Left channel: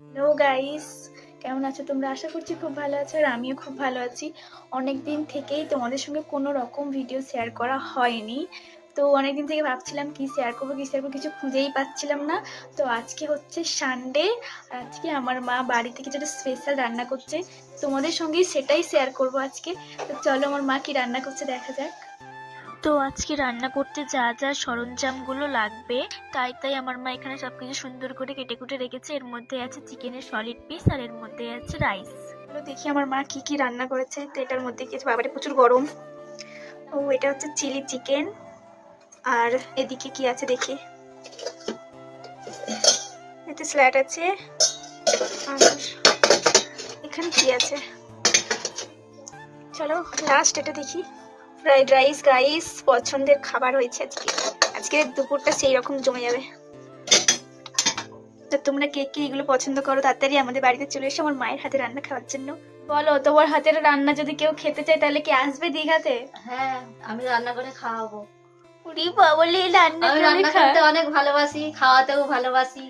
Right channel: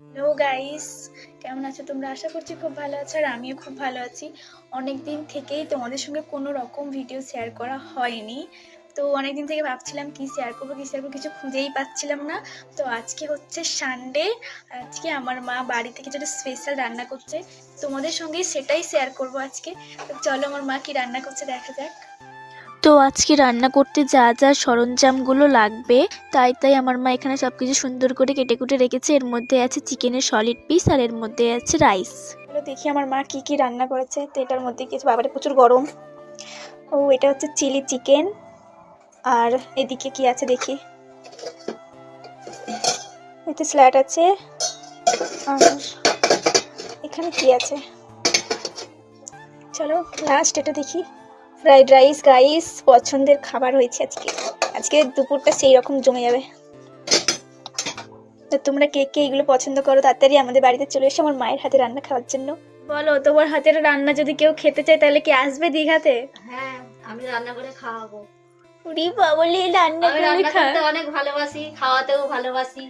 Hello guys, কেমন আছো তোমরা? আশা করছি খুব ভালো আছো আর আমিও খুব ভালো আছি। অনেক দিন থেকেই তোমাদের সঙ্গে কোনো রকম ভিডিও শেয়ার করা হয়নি। তো অনেক দিন থেকে ভাবছিলাম কি শেয়ার করবো কিছু খুঁজেই পাচ্ছিলাম না। তো আজকে হচ্ছে সানডে, আজকে আমার মা বাড়িতে কিছু একটা স্পেশাল রান্না করছে, তোমাদের সঙ্গেই সেটাই শেয়ার করবো আজকে। তো চলো আমার মা কি রান্না করছে দেখা যাক। তো আজকে রান্না করতে যা যা সরঞ্জামগুলো লাগবে তাই আমার মা এখানে সবকিছু সুন্দর করে কেটে কুটে রেখেছে। এর মধ্যে আছে চিকেনের সলিড পিস আর এর মধ্যে আছে রাইস। চলো দেখি আমার মা কি কি রান্না করেছে। তো এটার মধ্যে কিছু, বাবারে প্রচুর গরম। ও এটা হচ্ছে চিলি চিকেন। আর এদিকে কি আছে দেখি, এতে স্যালাড আছে। আর এখানে কি আছে, চলো লাস্ট এটা দেখি। ফ্রাইড রাইস গাইস, পছন্দের খাবার হয়েছে আজকে। আজকে দুপুরটা সেই রকম জমে যাবে। তো তোমরা কে কে এগুলো পছন্দ করো তাড়াতাড়ি আমাদের বাড়িতে চলে এসো আমার মায়ের হাতে রান্না খাওয়ার জন্য। বলো, তোমার হাতের রান্না যদি কেউ খেতে চায় তাহলে কি আসবে দীঘাতে? হ্যাঁ, আমি রান্না করে খাওয়াবো। উরি বাবলি, রান্না আমি করে রান্না খা। করতে অনেক ভালোবাসি, খাওয়াতেও ভালোবাসি।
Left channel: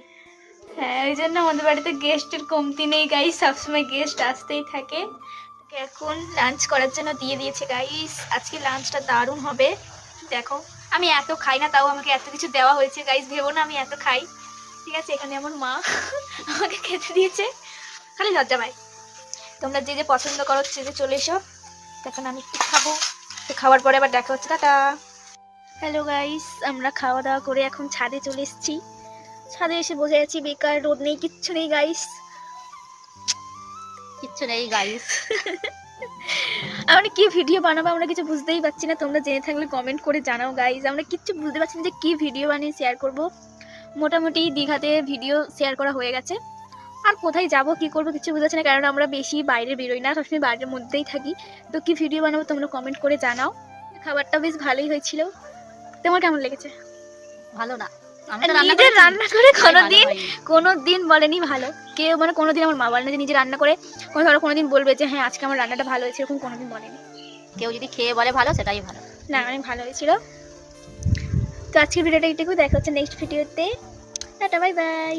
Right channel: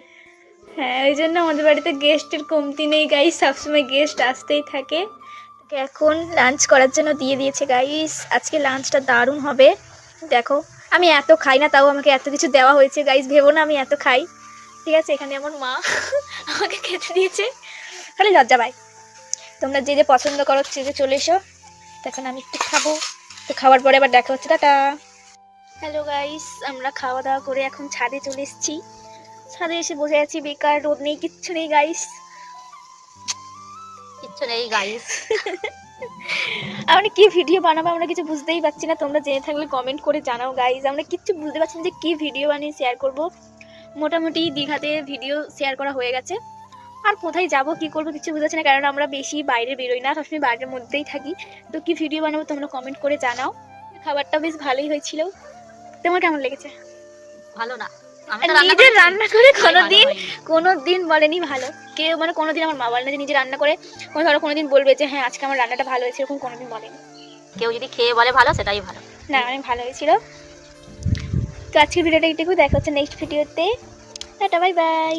হ্যাঁ, ওই জন্য আমাদের বাড়িতে গেস্টের কমতি নেই গাইস, সবসময় গেস্ট আসতেই থাকে। তোকে এখন লাঞ্চ করার জন্য দিয়ে দিয়েছে গাইস। আজকে লাঞ্চটা দারুণ হবে। দেখো, আমি এত খাই না, তাও আমাকে এত কিছু দেওয়া হয়েছে গাইস, ভেবো না আমি এত খাই। ঠিক আছে, এখানে আমার মা আমাকে খেতে দিয়েছে, খালি লজ্জা পাই। তোমরা যে যে পছন্দ করো যে চলে এসো। এখন আমি একটু খাবো, তো খাওয়ার পরে আবার দেখা হচ্ছে, টাটা। হ্যালো গাইস, আমরা খাওয়া দাওয়া করে এখন ছাদে চলে এসেছি। ছাদে এসে বসে আছি, বেকার, রোদ নেই, কিচ্ছু নেই গাইস। কিচ্ছু নেই গাইস। আমরা কি ভিডিও বানাবো আমরা কিছু বুঝতেই পারছি না। তোমরা জেনে থাকলে কমেন্ট করে জানাও গাইস, আমরা কিচ্ছু বুঝতে পারছি না যে কি ভিডিও বানিয়ে শেয়ার করব। মোটামুটি দীঘাতে ভিডিও শেয়ার করা হয়ে গেছে, আর কোথায় যাব কি করবো কিছু বুঝতে পারছি না, কারণ আমরা বেশি বাইরে বেরোই না, সবসময় বাড়ির মধ্যেই থাকি। তো কি ভিডিও বানাবো তোমরা কমেন্ট করে জানাও। খাবারটা বেশ ভালোই হয়েছিল, তোমার কেমন লেগেছে? ভালো না, আমি তো নিজে রান্না করে কোনোদিন হয়নি। কোনোদিন বলেনি ভালো কেউ, মানে কোনোদিন আমার মা বলে না যে নিজে রান্না করে ধরো কোনোদিন বলবে যে হ্যাঁ আজকে আমার রান্নাটা ভালো হয়েছে, এরকম কোনোদিন বলেনি। কেউ যদি খেয়ে বলে ভালো, সেটাই ভালো। না, অনেক ভালো হয়েছিল। তো আজকের ভিডিওটা এইটুকু, দেখা হচ্ছে নেক্সট ভিডিওতে। Tata, bye bye.